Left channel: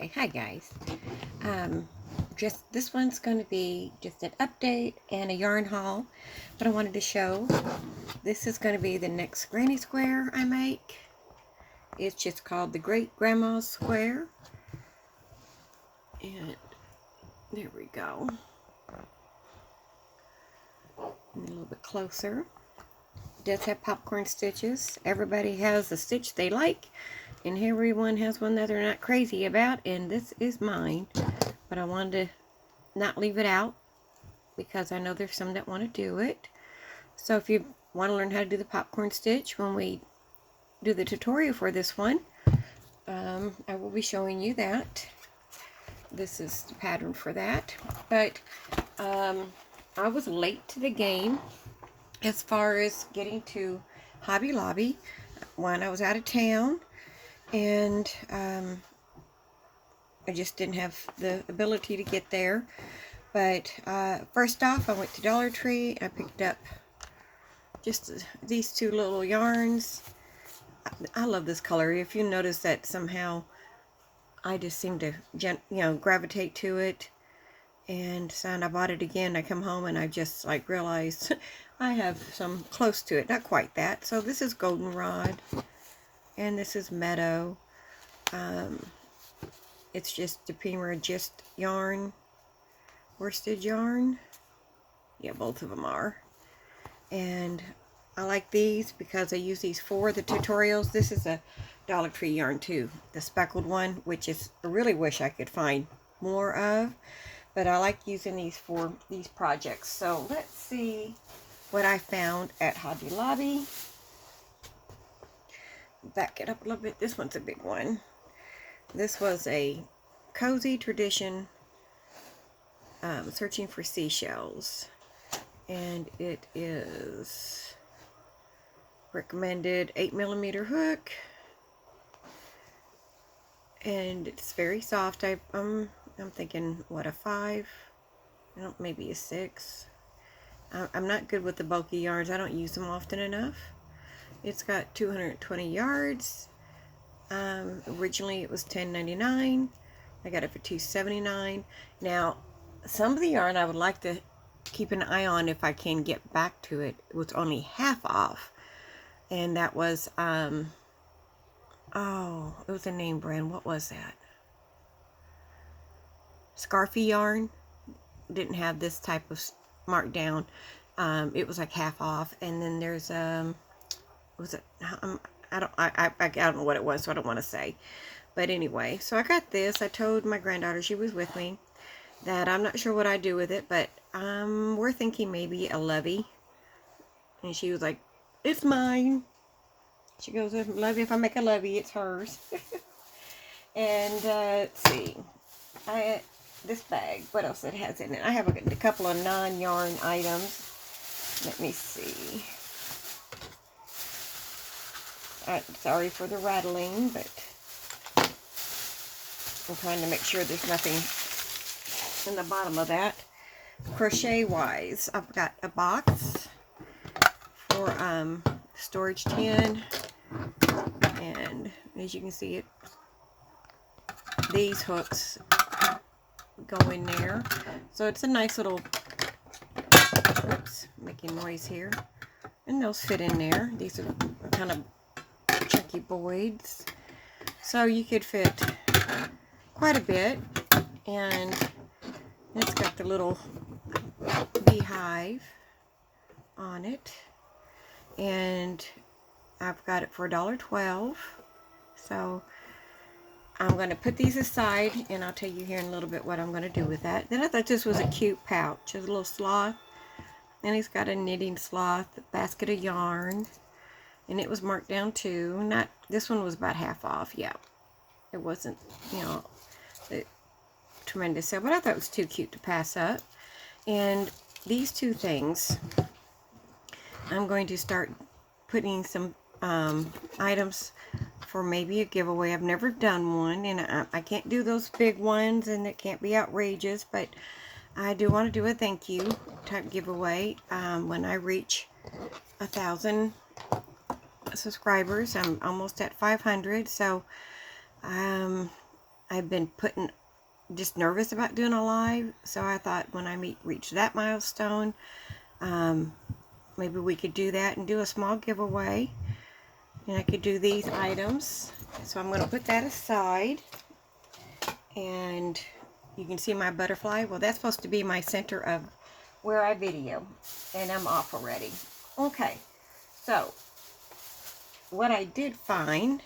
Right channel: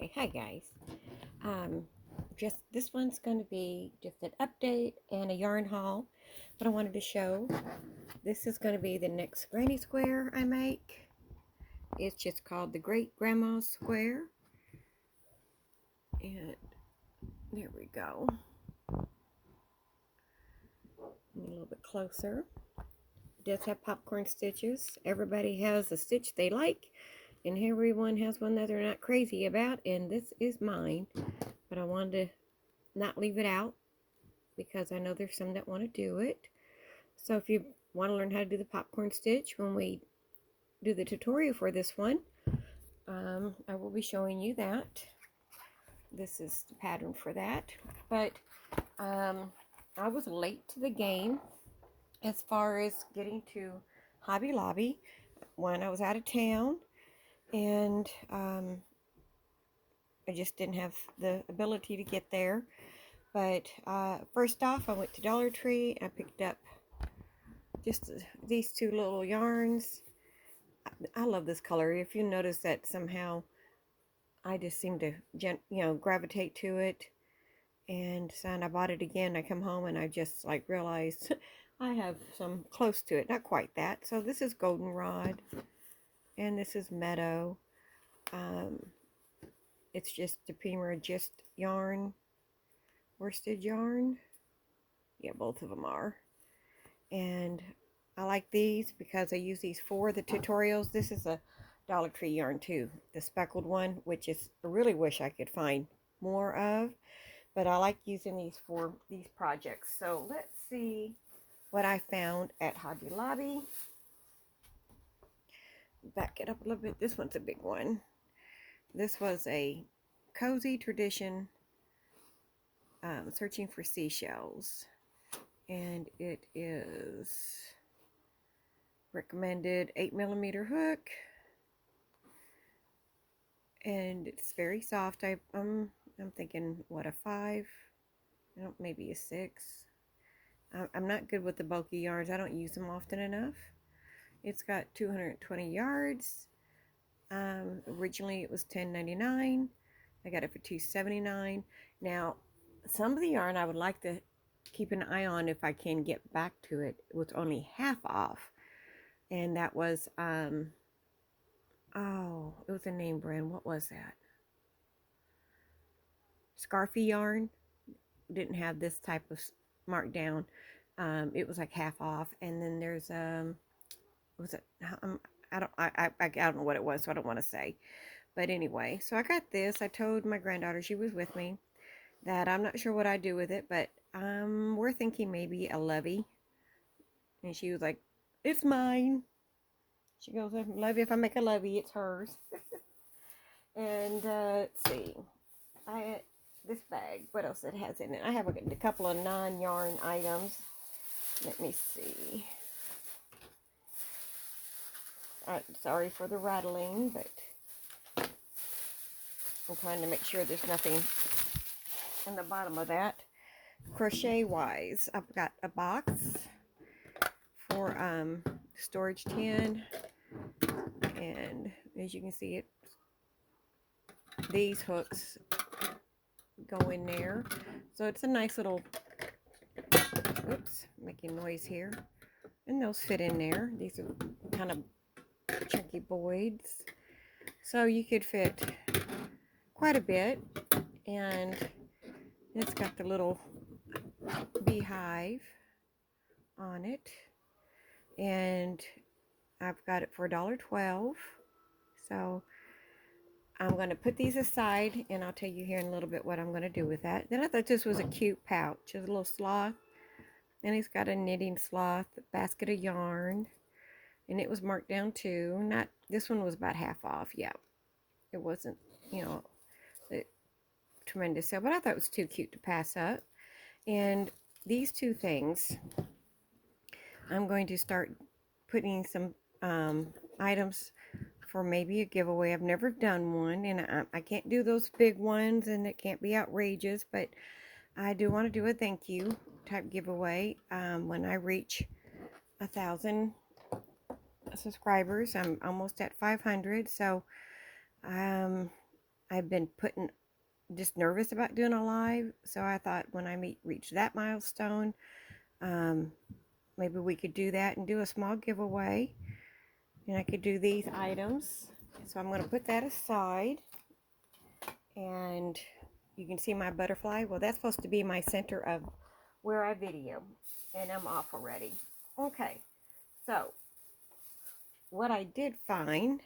Okay, hi guys. Um, just this one's going to be just an update and a yarn haul that I wanted to show. This is going to be the next granny square I make. It's just called the Great Grandma's Square. And there we go. And a little bit closer. It does have popcorn stitches. Everybody has a stitch they like, and everyone has one that they're not crazy about, and this is mine. But I wanted to not leave it out because I know there's some that want to do it. So if you want to learn how to do the popcorn stitch when we do the tutorial for this one, I will be showing you that. This is the pattern for that. But I was late to the game as far as getting to Hobby Lobby when I was out of town, and I just didn't have the ability to get there. But first off, I went to Dollar Tree. I picked up just these two little yarns. I love this color. If you notice that somehow I just seem to gravitate to it, and so I bought it again. I come home and I just like realized I have some close to it, not quite that. So this is Goldenrod and this is Meadow. It's just the Prima Gist yarn, worsted yarn. Yeah, both of them are. And I like these because I use these for the tutorials. This is a Dollar Tree yarn too, the speckled one, which is I really wish I could find more of, but I like using these for these projects. So let's see what I found at Hobby Lobby. Back it up a little bit. This one's a big one. This was a Cozy Tradition Searching for Seashells, and it is recommended 8mm hook, and it's very soft. I'm thinking what, a 5, I don't, maybe a 6. I'm not good with the bulky yarns. I don't use them often enough. It's got 220 yards. Originally it was $10.99. I got it for $2.79. Now some of the yarn I would like to keep an eye on if I can get back to it. It was only half off, and that was oh, it was a name brand. What was that? Scarfy yarn didn't have this type of markdown. It was like half off. And then there's was it, I don't know what it was, so I don't want to say. But anyway, so I got this. I told my granddaughter, she was with me, that I'm not sure what I do with it, but we're thinking maybe a levy. And she was like, it's mine. She goes, levy, if I make a levy, it's hers. And let's see, this bag, what else it has in it? I have a couple of non-yarn items. Let me see. Sorry for the rattling, but I'm trying to make sure there's nothing in the bottom of that. Crochet wise, I've got a box for storage tin, and as you can see, it these hooks go in there, so it's a nice little, oops, making noise here, and those fit in there. These are kind of chunky boys, so you could fit quite a bit. And it's got the little beehive on it, and I've got it for $1.12. So I'm going to put these aside, and I'll tell you here in a little bit what I'm going to do with that. Then I thought this was a cute pouch. It's a little sloth, and it's got a knitting sloth, basket of yarn, and it was marked down too. Not, this one was about half off. Yeah, it wasn't, tremendous sale, but I thought it was too cute to pass up. And these two things, I'm going to start putting some items for maybe a giveaway. I've never done one, and I can't do those big ones, and it can't be outrageous, but I do want to do a thank you type giveaway when I reach 1,000 subscribers. I'm almost at 500, so I've been just nervous about doing a live, so I thought when I reach that milestone, maybe we could do that and do a small giveaway, and I could do these items. So I'm going to put that aside, and you can see my butterfly. Well, that's supposed to be my center of where I video, and I'm off already. Okay, so what I did find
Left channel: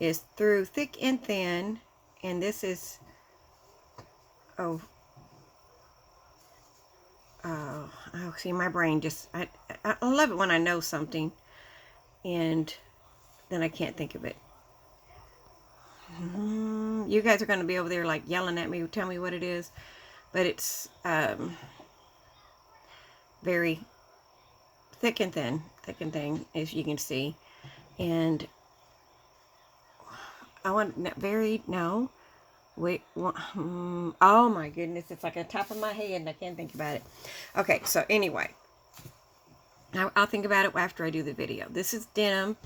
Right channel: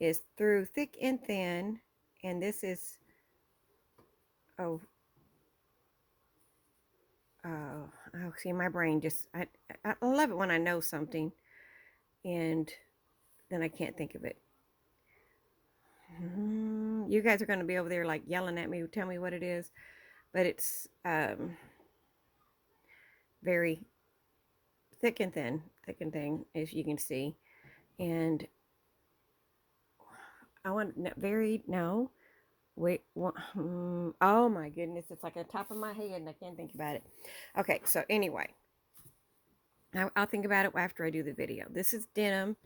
is through thick and thin, and this is, oh, see, my brain just, I love it when I know something, and then I can't think of it. You guys are going to be over there like yelling at me, tell me what it is, but it's very thick and thin, as you can see. And I want oh my goodness, it's like on top of my head and I can't think about it. Okay, so anyway, I'll think about it after I do the video. This is denim,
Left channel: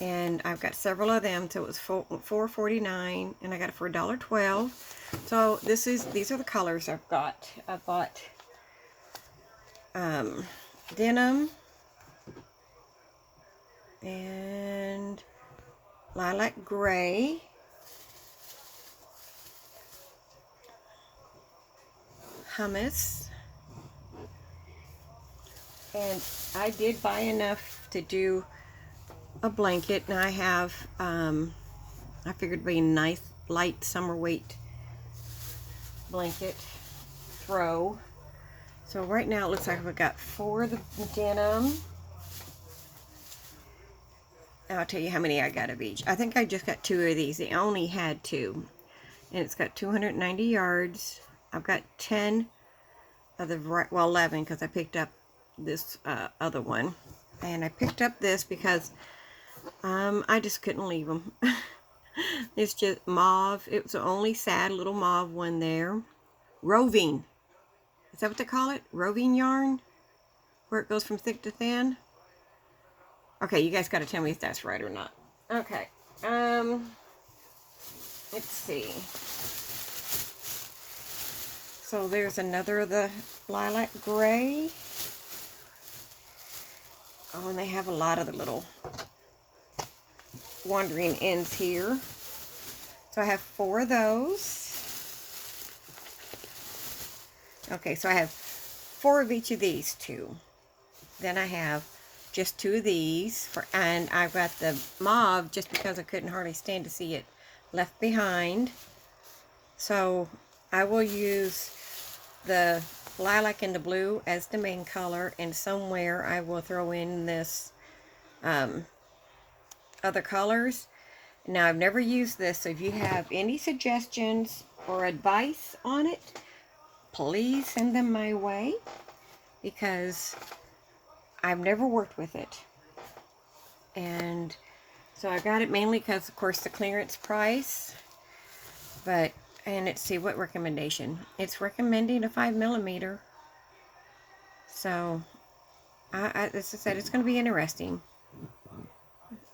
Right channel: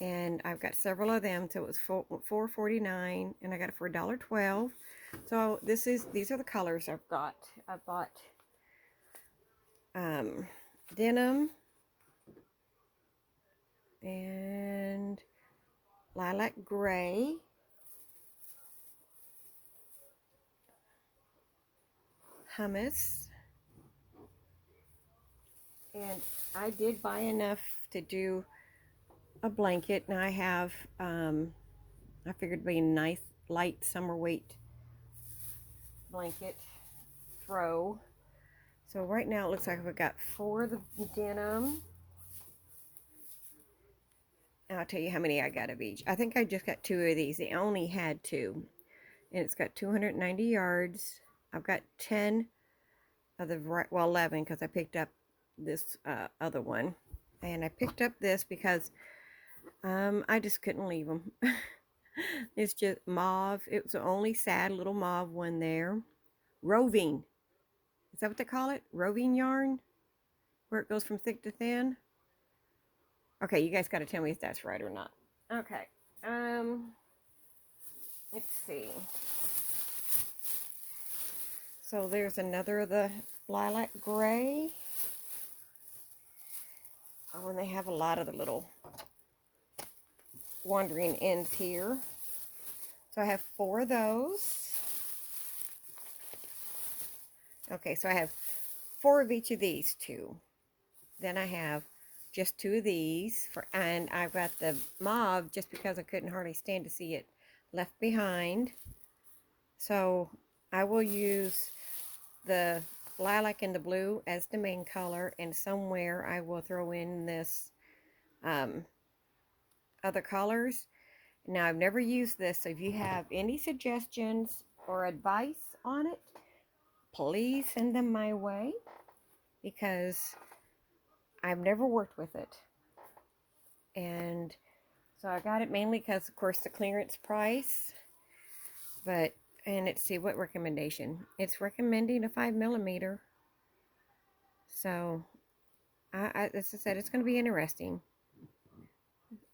and I've got several of them, so it was $4.49, and I got it for $1.12. So these are the colors I've got. I bought denim and lilac gray, hummus, and I did buy enough to do a blanket, and I have I figured it'd be a nice light summer weight blanket throw. So right now it looks like I've got 4 of the denim. I'll tell you how many I got of each. I think I just got 2 of these. They only had 2. And it's got 290 yards. I've got 10 of the, well, 11, because I picked up this other one. And I picked up this because I just couldn't leave them. It's just mauve. It was the only sad little mauve one there. Roving. Is that what they call it? Roving yarn? Where it goes from thick to thin? Okay, you guys got to tell me if that's right or not. Okay. Let's see. So there's another of the lilac gray. Oh, and they have a lot of the little wandering ends here. So I have 4 of those. Okay, so I have 4 of each of these 2. Then I have just 2 of these, and I've got the mauve just because I couldn't hardly stand to see it left behind. So I will use the lilac and the blue as the main color, and somewhere I will throw in this other colors. Now, I've never used this, so if you have any suggestions or advice on it, please send them my way, because I've never worked with it. And so I got it mainly because, of course, the clearance price. But, and let's see, what recommendation? It's recommending a 5mm. So, as I said, it's going to be interesting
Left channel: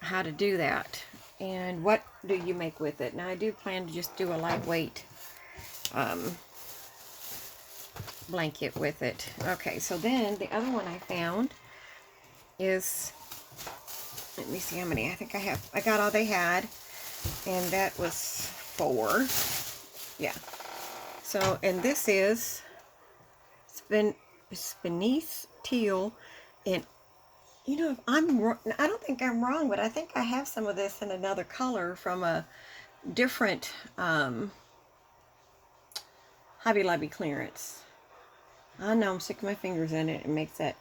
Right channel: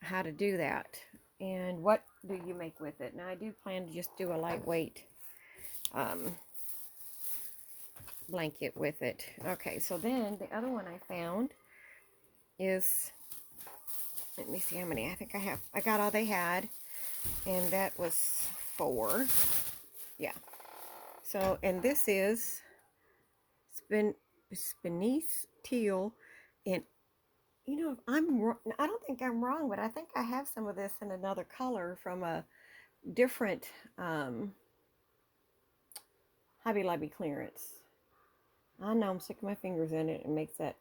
how to do that. And what do you make with it? Now, I do plan to just do a lightweight blanket with it. Okay, so then the other one I found is, let me see how many. I think I got all they had, and that was 4. Yeah. So, and this is Spinisse Teal, and you know, if I don't think I'm wrong, but I think I have some of this in another color from a different Hobby Lobby clearance. I know I'm sticking my fingers in it and makes that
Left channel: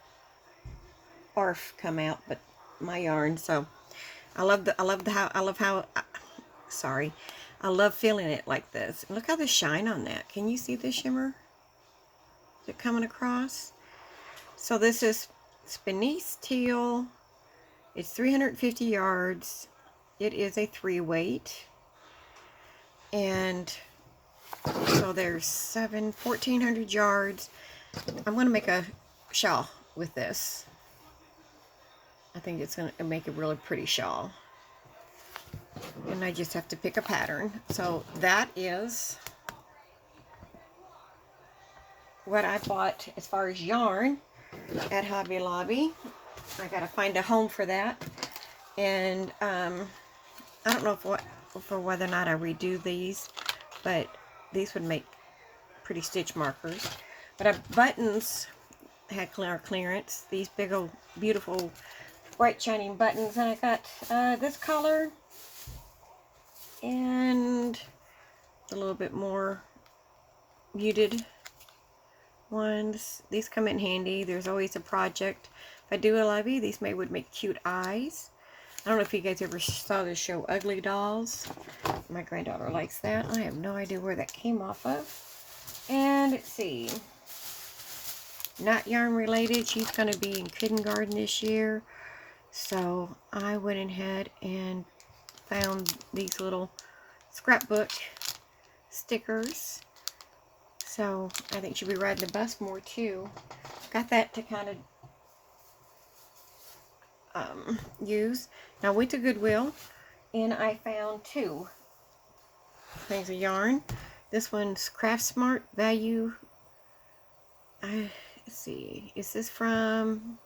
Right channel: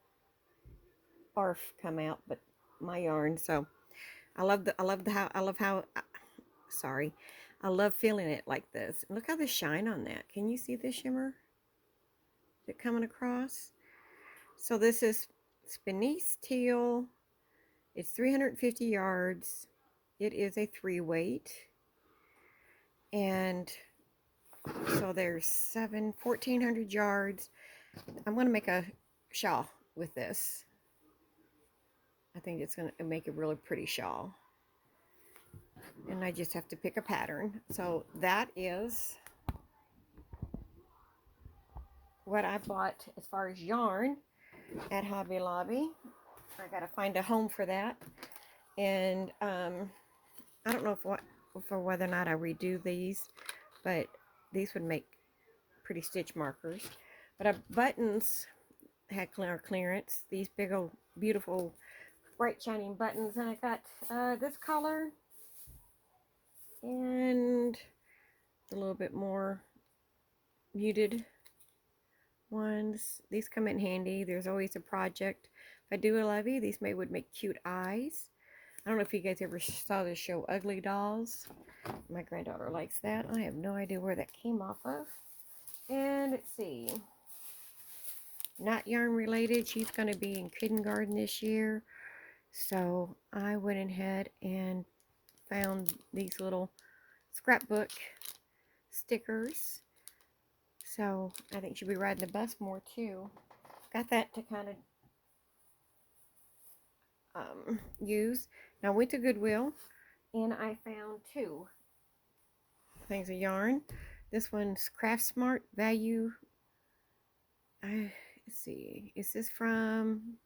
barf come out, but my yarn. So I love feeling it like this. Look how the shine on that. Can you see the shimmer? Is it coming across? So this is Spinisse Teal. It's 350 yards. It is a 3-weight. And so there's 1,400 yards. I'm going to make a shawl with this. I think it's going to make a really pretty shawl. And I just have to pick a pattern. So that is what I bought as far as yarn at Hobby Lobby. I gotta find a home for that. And I don't know for whether or not I redo these, but these would make pretty stitch markers. But buttons had clearance. These big old beautiful bright shining buttons, and I got this color and a little bit more muted ones. These come in handy. There's always a project. If I do a levy, these would make cute eyes. I don't know if you guys ever saw the show Ugly Dolls. My granddaughter likes that. I have no idea where that came off of. And let's see. Not yarn related. She's going to be in kindergarten this year. So I went ahead and found these little scrapbook stickers. So I think she'll be riding the bus more too. Got that to kind of use. Now I went to Goodwill and I found two things of yarn. This one's Craft Smart Value. Let's see. Is this from...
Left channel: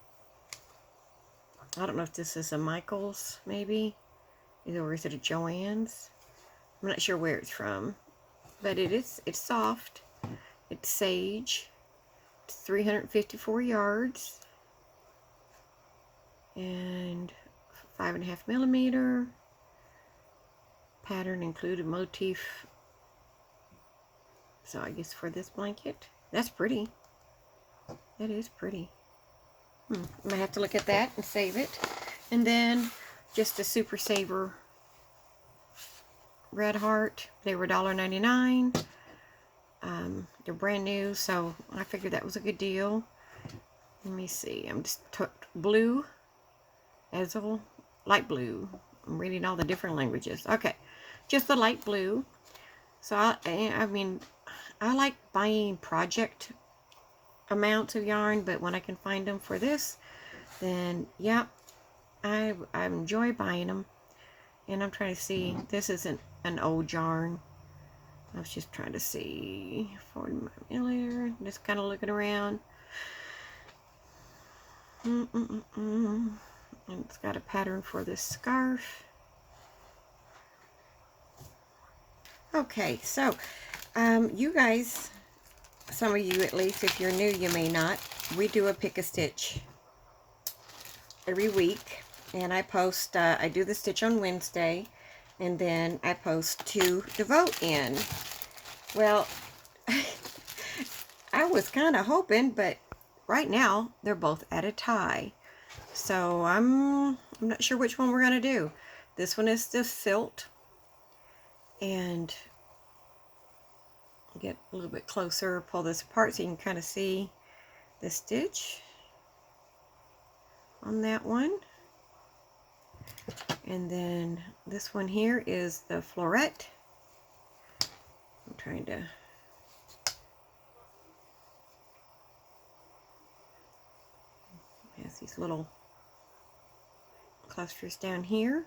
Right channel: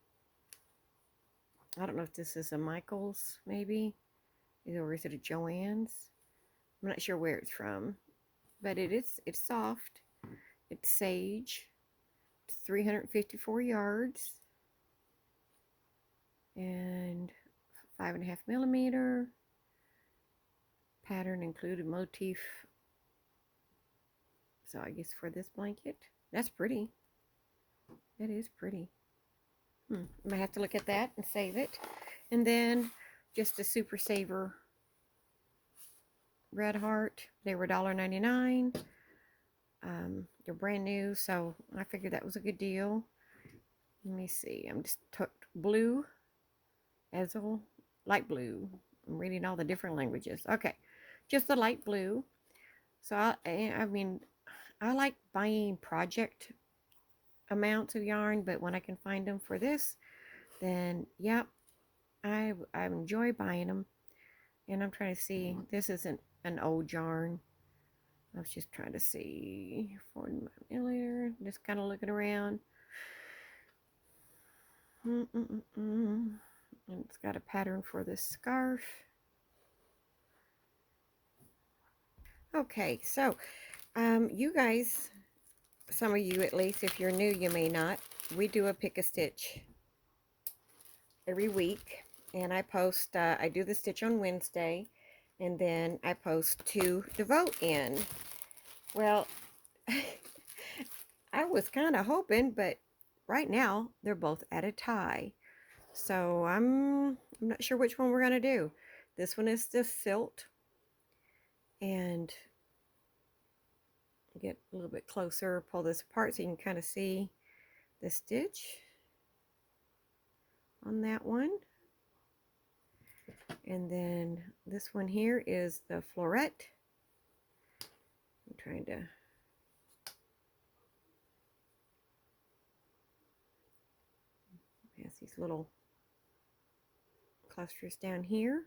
I don't know if this is a Michaels, maybe. Or is it a Joann's? I'm not sure where it's from. But it's soft. It's sage. It's 354 yards. And 5.5 millimeter. Pattern included motif. So I guess for this blanket. That's pretty. That is pretty. I might have to look at that and save it. And then just a Super Saver Red Heart. They were $1.99. They're brand new, so I figured that was a good deal. Let me see. I'm just blue, Ezel, light blue. I'm reading all the different languages. Okay, just the light blue. So I mean, I like buying project amounts of yarn, but when I can find them for this, then yeah, I enjoy buying them. And I'm trying to see, this isn't an old yarn. I was just trying to see 40 millimeter, just kind of looking around. And it's got a pattern for this scarf. Okay, so you guys, some of you at least, if you're new, you may not, we do a pick a stitch every week, and I post, I do the stitch on Wednesday, and then I post 2 to vote in. Well, I was kind of hoping, but right now they're both at a tie, so I'm not sure which one we're going to do. This one is the Filt, and get a little bit closer, pull this apart so you can kind of see the stitch on that one. And then this one here is the Floret. I'm trying to has these little clusters down here,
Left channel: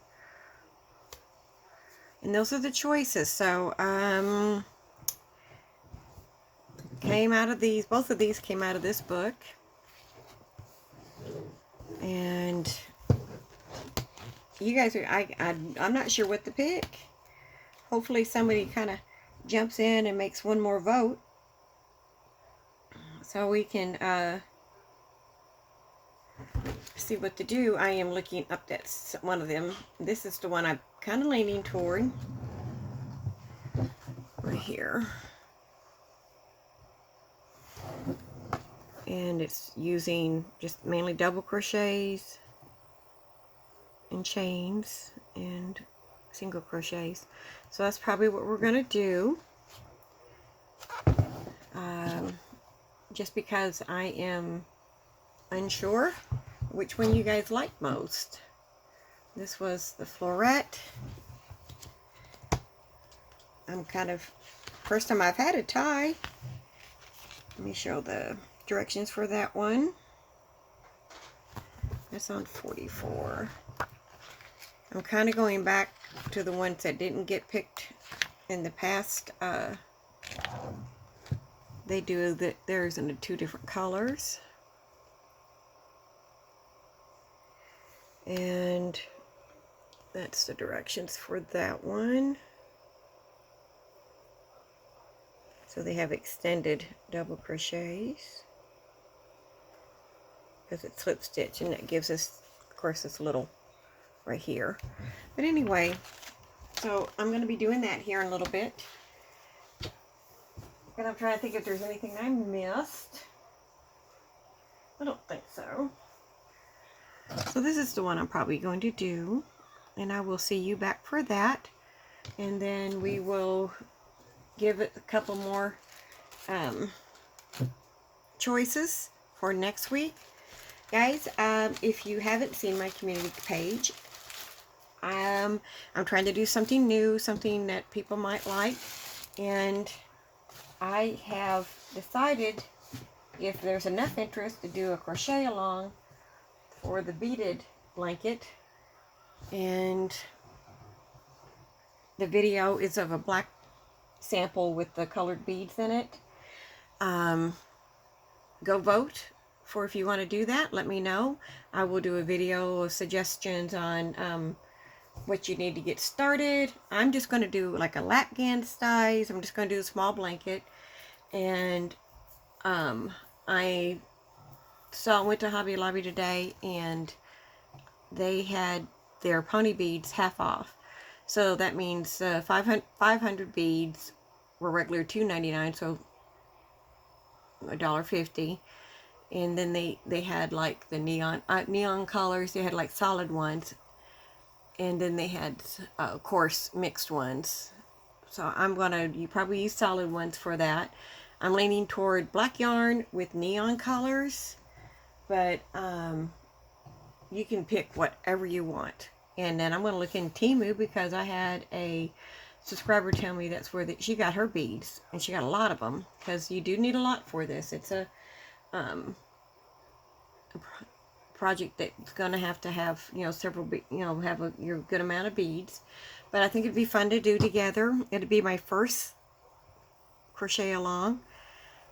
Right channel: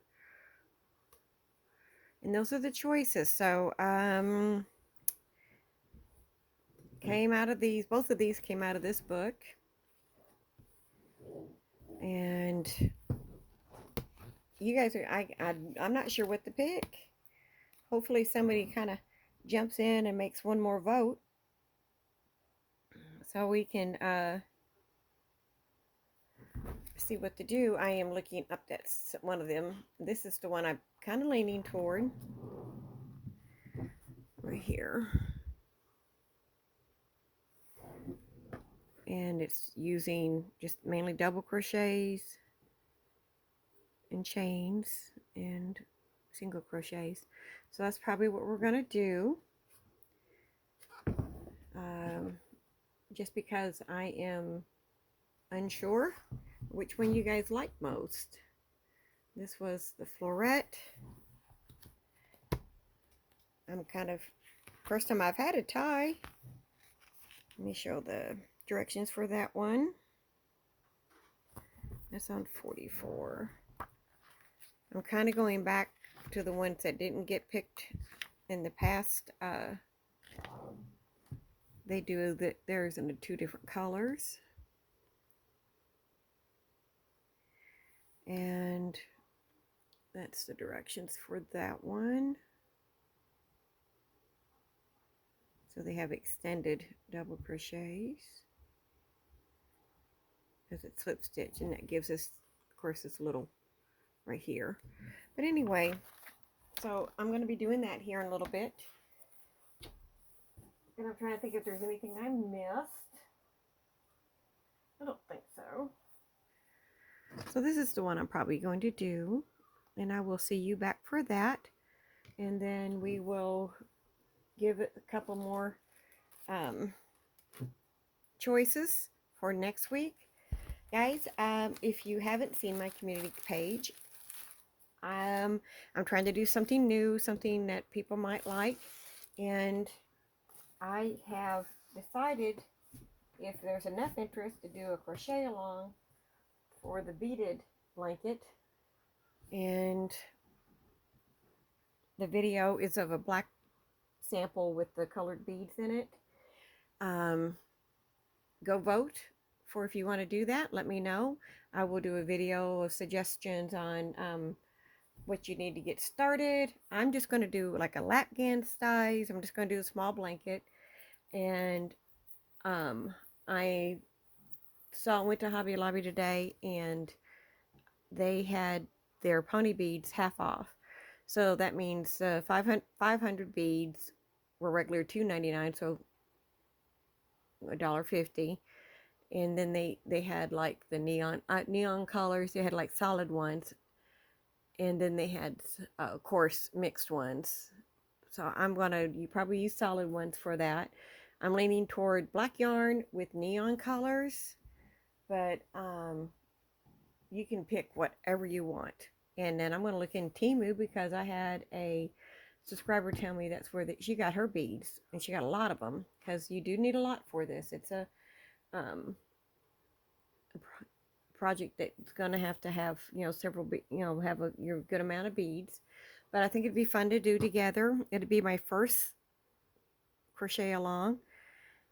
and those are the choices. So came out of these, both of these came out of this book, and you guys are, I'm not sure what to pick. Hopefully somebody kind of jumps in and makes one more vote so we can see what to do. I am looking up at one of them. This is the one I'm kind of leaning toward right here, and it's using just mainly double crochets and chains and single crochets. So that's probably what we're gonna do, just because I am unsure which one you guys like most. This was the Floret. I'm kind of, first time I've had a tie. Let me show the directions for that one. That's on 44. I'm kind of going back to the ones that didn't get picked in the past. They do theirs in 2 different colors. And that's the directions for that one. So they have extended double crochets because it's slip stitch, and that gives us, of course, this little right here. But anyway, so I'm going to be doing that here in a little bit. And I'm trying to think if there's anything I missed. I don't think so. So this is the one I'm probably going to do, and I will see you back for that. And then we will give it a couple more choices for next week. Guys, if you haven't seen my community page, I'm trying to do something new, something that people might like, and I have decided, if there's enough interest, to do a crochet along for the beaded blanket. And the video is of a black sample with the colored beads in it. Go vote for if you want to do that. Let me know. I will do a video of suggestions on what you need to get started. I'm just going to do like a Latgan size. I'm just going to do a small blanket. And I went to Hobby Lobby today, and they had their pony beads half off. So that means 500 beads were regular $2.99, so $1.50. And then they had like the neon colors. They had like solid ones, and then they had of course mixed ones. So you probably use solid ones for that. I'm leaning toward black yarn with neon colors, but you can pick whatever you want. And then I'm going to look in Temu, because I had a subscriber tell me that's where she got her beads, and she got a lot of them, because you do need a lot for this. It's a project that's going to have several, have your good amount of beads. But I think it'd be fun to do together. It'd be my first crochet along,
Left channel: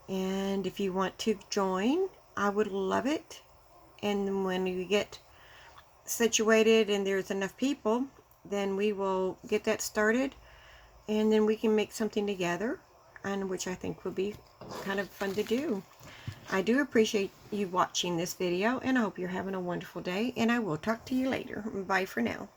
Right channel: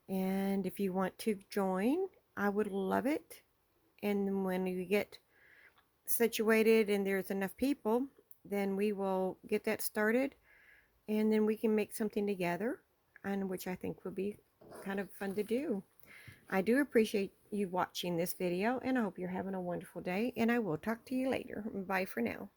and if you want to join, I would love it. And when you get situated and there's enough people, then we will get that started, and then we can make something together, and which I think will be kind of fun to do. I do appreciate you watching this video, and I hope you're having a wonderful day, and I will talk to you later. Bye for now.